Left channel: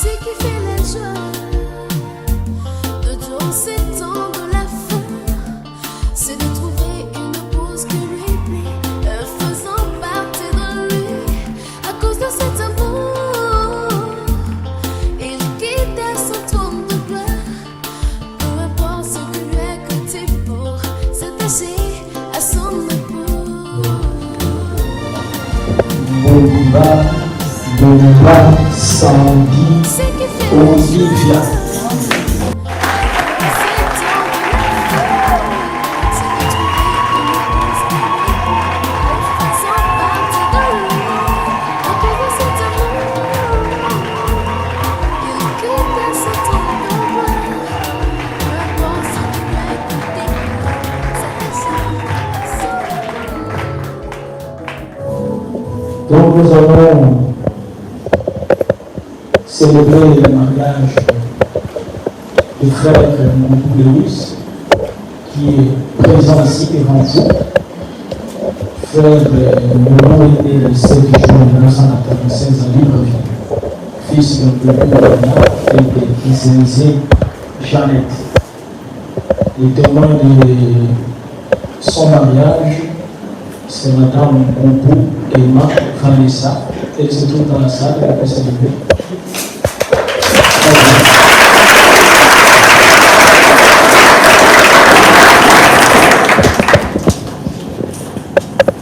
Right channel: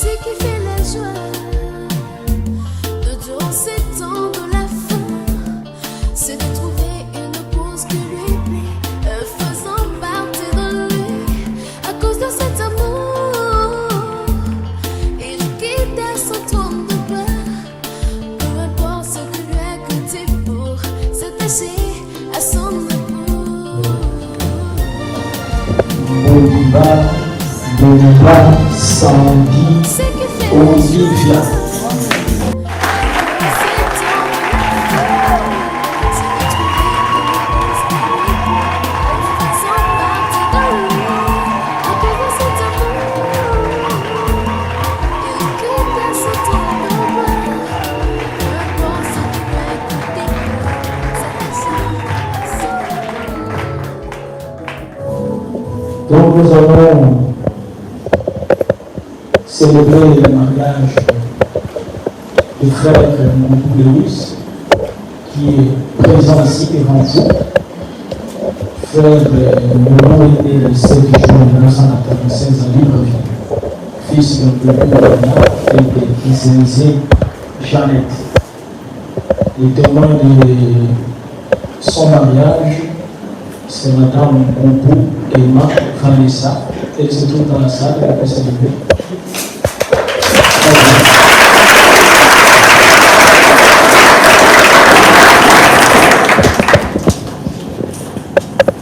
Ce qui fait la joie de tous ces temps de la fin, c'est de trouver une pause qui lui plaît, faisant partie de lui. À cause de cet amour, il quitte son trône de gloire. Peu importe ce que lui a coûté pour s'attacher à son époux. Bomba, Sandy, Olivia. Donc nous allons célébrer le mariage du frère Lewis, qui est présent ici devant vous. Frère Moulon est né le 7 juin 1996 à Libreville, fils d'un Bernard et de Isenzé Jeannette. Les témoins de son mariage, c'est Madame Goubou Emma Vanessa. Elle se trouve dans la salle, elle peut célébrer.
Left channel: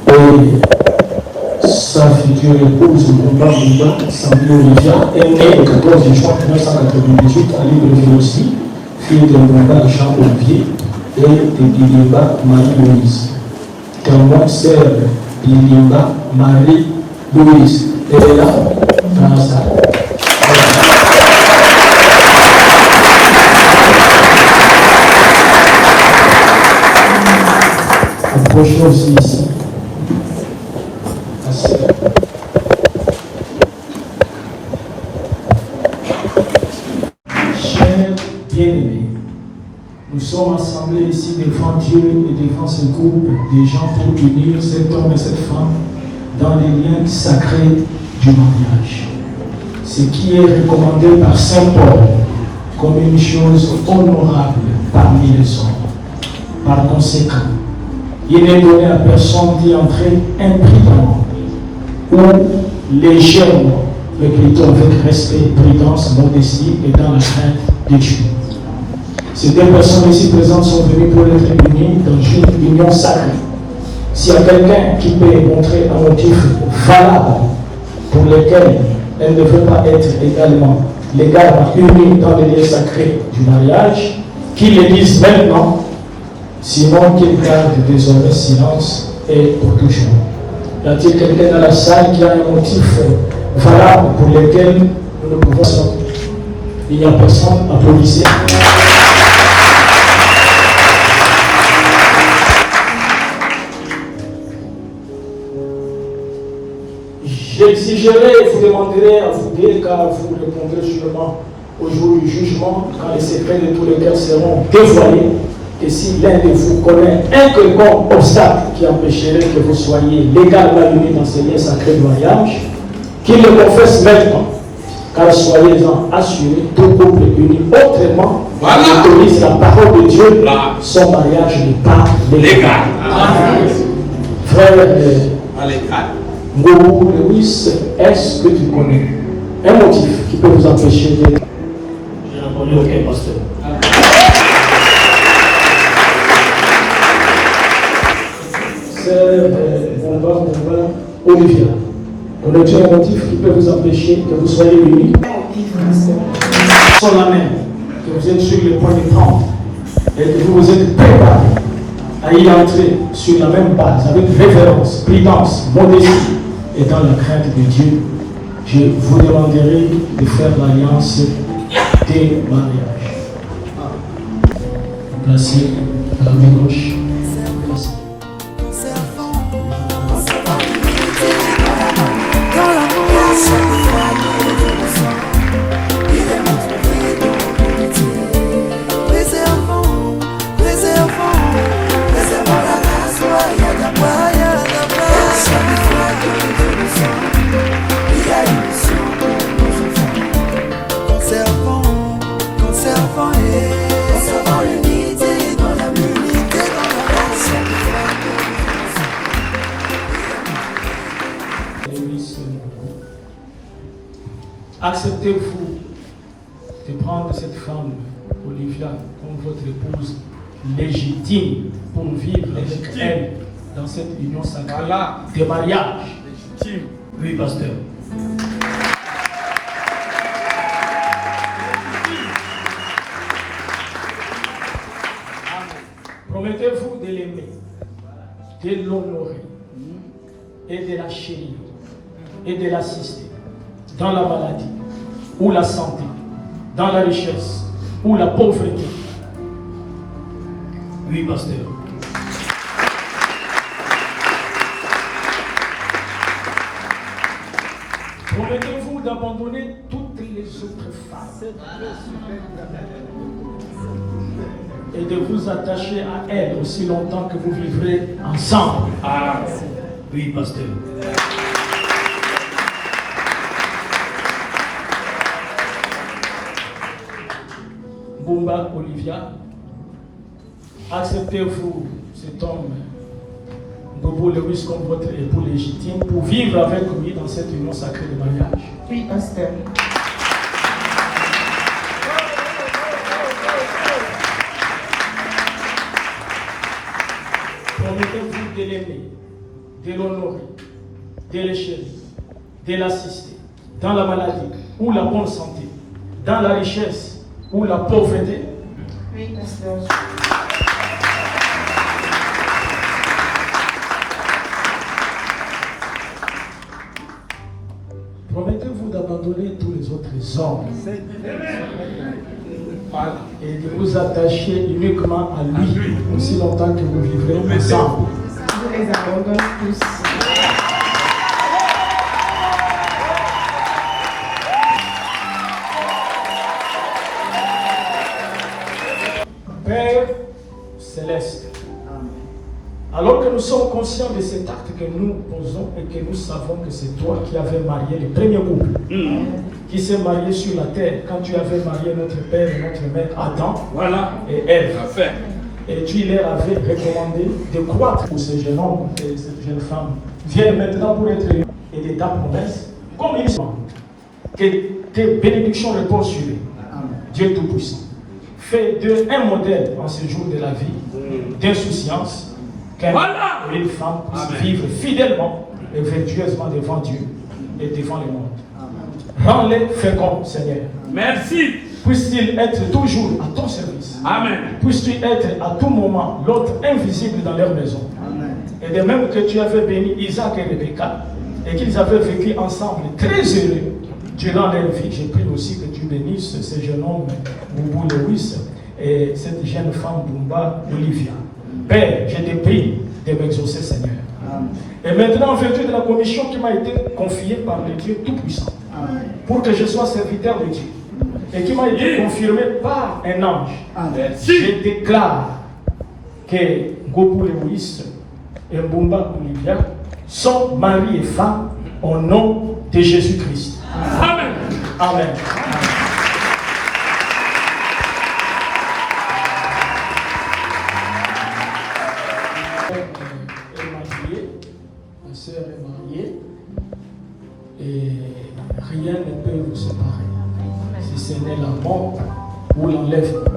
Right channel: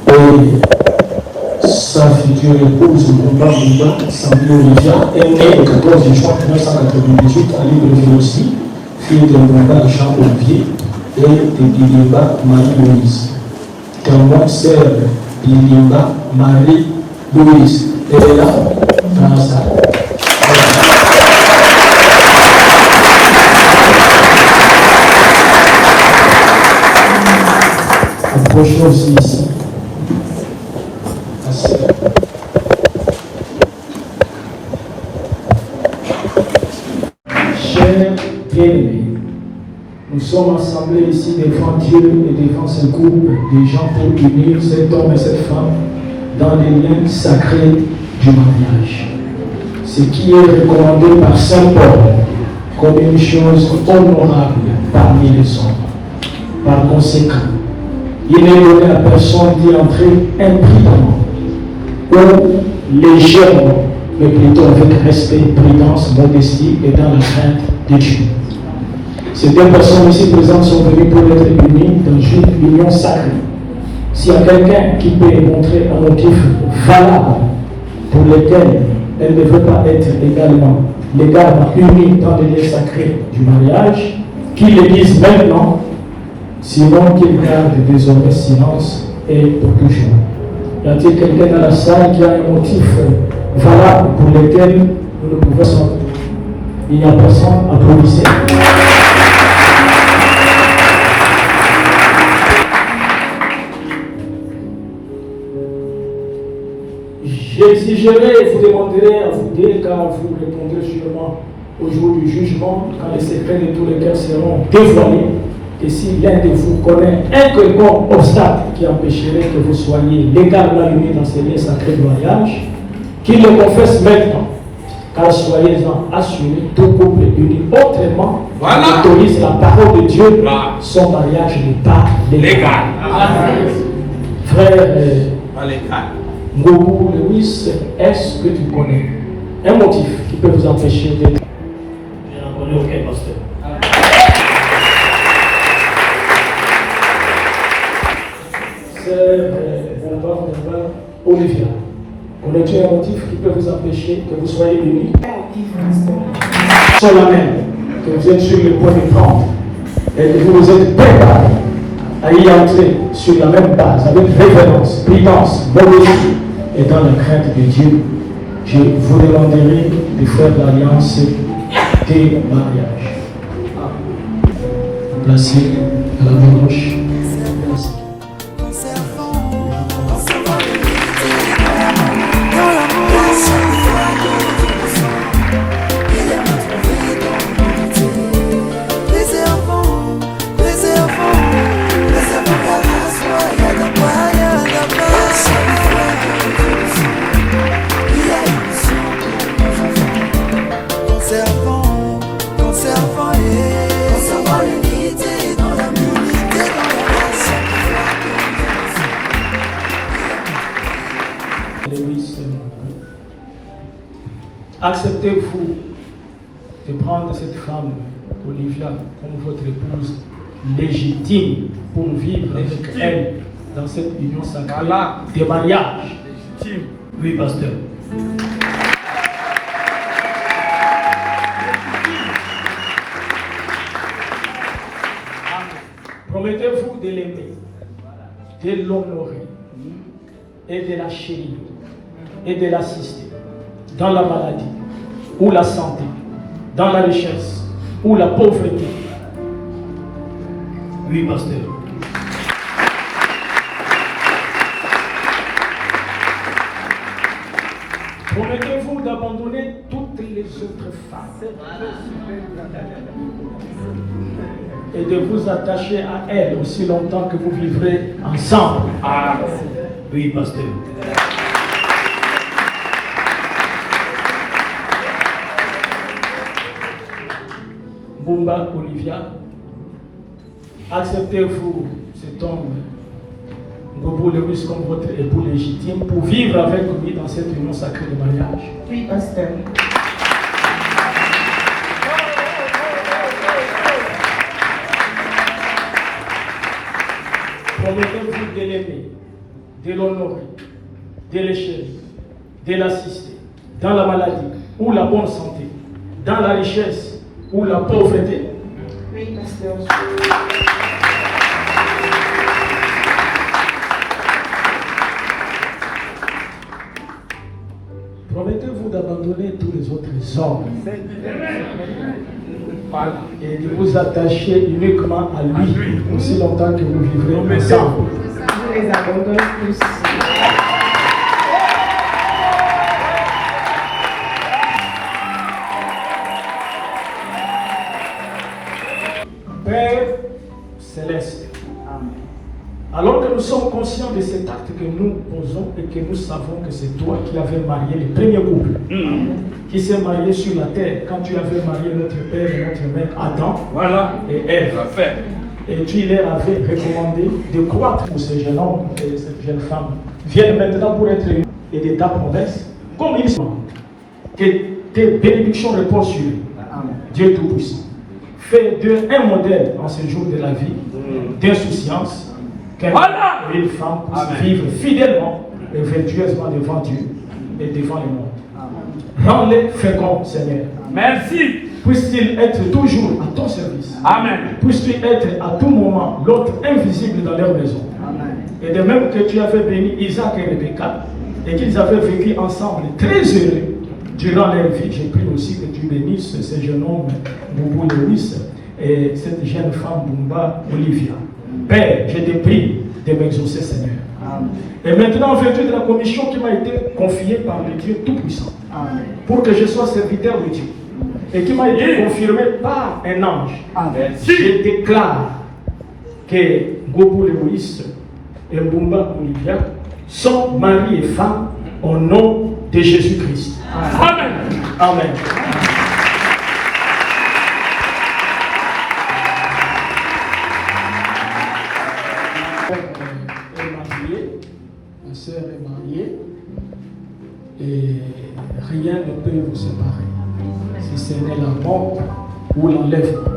Et sa future épouse, Bomba Sandy Olivia, est née le 14 juin 1998 à Libreville aussi, fille de Bomba Jean Olivier et de Bilimba Marie-Louise. Témoin sœur Bilimba Marie-Louise. Elle est là, dans la salle. Approchez aussi ici. Chers bien-aimés, nous sommes assemblés ici devant Dieu et devant ce groupe de gens pour unir cet homme et cette femme dans les liens sacrés du mariage. Ce qui est recommandé par Saint Paul comme une chose honorable parmi les hommes. Par conséquent, il n'est donné à personne d'y entrer imprudemment ou légèrement, mais plutôt avec respect, prudence, modestie et dans la crainte de Dieu. Ces deux personnes ici présentes sont venues pour être unies dans une union sacrée. S'il y a quelqu'un qui peut montrer un motif valable pour lequel elle ne veut pas être également unie dans les liens sacrés du mariage, qu'il le dise maintenant, sinon qu'il garde désormais silence et pour toujours. Y a-t-il quelqu'un dans la salle qui a un motif valable pour lequel nous ne pouvons pas? Il n'y a personne. Applaudissez. J'exigerai et vous demanderai à vous deux, car vous répondrez sûrement au jour du jugement, quand les secrets de tous les cœurs seront dévoilés, que si l'un de vous connaît un quelconque obstacle qui empêcherait que vous soyez légalement unis dans ces liens sacrés du mariage, qu'il le confesse maintenant, car soyez-en assurés, tout couple uni autrement autorise la parole de Dieu, son mariage n'est pas légal. Frère Ngobu Lewis, est-ce que tu connais un motif qui peut vous empêcher d'être? Je n'en connais aucun, pasteur. Sœur Olivia, connais-tu un motif qui peut vous empêcher que vous soyez unis? Sont la même, que vous êtes sur le point de prendre et que vous êtes préparés à y entrer sur la même base, avec révérence, prudence, modestie et dans la crainte de Dieu. Je vous demanderai de faire l'alliance des mariages. Placez la main gauche. Loïs Mboubo, acceptez-vous de prendre cette femme, Olivia, comme votre épouse légitime pour vivre avec elle dans cette union sacrée de mariage? Oui, pasteur. Promettez-vous de l'aimer, de l'honorer et de la chérir et de l'assister dans la maladie ou la santé, dans la richesse ou la pauvreté? Oui, pasteur. Promettez-vous d'abandonner toutes les autres femmes et de vous attacher à elles aussi longtemps que vous vivrez ensemble? Oui, pasteur. Mbumba Olivia, acceptez-vous cet homme, Ngobo Lewis, comme votre époux légitime pour vivre avec lui dans cette union sacrée de mariage? Oui, pasteur. Promettez-vous de l'aimer, de l'honorer, de le chérir, de l'assister dans la maladie ou la bonne santé, dans la richesse ou la pauvreté? Oui, pasteur. Promettez-vous d'abandonner tous les autres hommes et de vous attacher uniquement à lui aussi longtemps que vous vivrez ensemble? Je les abandonne tous. Père céleste, alors que nous sommes conscients de cet acte que nous posons et que nous savons que c'est toi qui avais marié le premier couple qui s'est marié sur la terre quand tu avais marié notre père et notre mère Adam et Ève, et tu leur avais recommandé de croître pour ce jeune homme et cette jeune femme viennent maintenant pour être élus et de ta promesse, comme ils sont, que tes bénédictions reposent sur eux. Dieu Tout-Puissant, fais d'eux un modèle en ce jour de la vie d'insouciance, qu'un homme et une femme puissent vivre fidèlement et vertueusement devant Dieu et devant le monde. Rends-les féconds, Seigneur. Merci. Puisse-t-il être toujours à ton service. Amen. Puisse-tu être à tout moment l'autre invisible dans leur maison. Amen. Et de même que tu avais béni Isaac et Rebecca et qu'ils avaient vécu ensemble très heureux durant leur vie, j'ai pris aussi que tu bénisses ce jeune homme, Mboubo Lewis, et cette jeune femme, Mbumba Olivia. Père, je te prie de m'exaucer, Seigneur. Amen. Et maintenant, en vertu de la commission qui m'a été confiée par le Dieu Tout-Puissant, Amen. pour que je sois serviteur de Dieu, et qui m'a été confirmé par un ange, Amen. je déclare que Ngobo Lewis et Mbumba Olivia sont mari et femme au nom de Jésus-Christ. Amen. Amen. Ma sœur est mariée et rien ne peut vous séparer si ce n'est la mort ou l'enlèvement.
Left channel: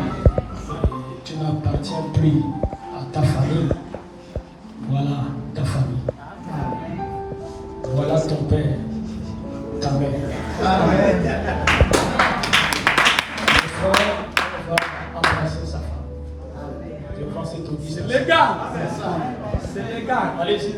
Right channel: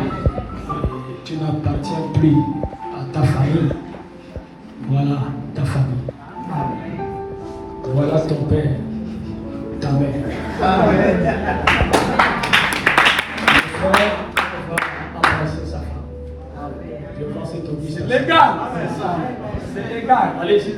Et tu n'appartiens plus à ta famille. Voilà ta famille. Voilà ton père, ta mère. Ton frère va embrasser sa femme devant cet audition. Légal. C'est légal. Allez-y.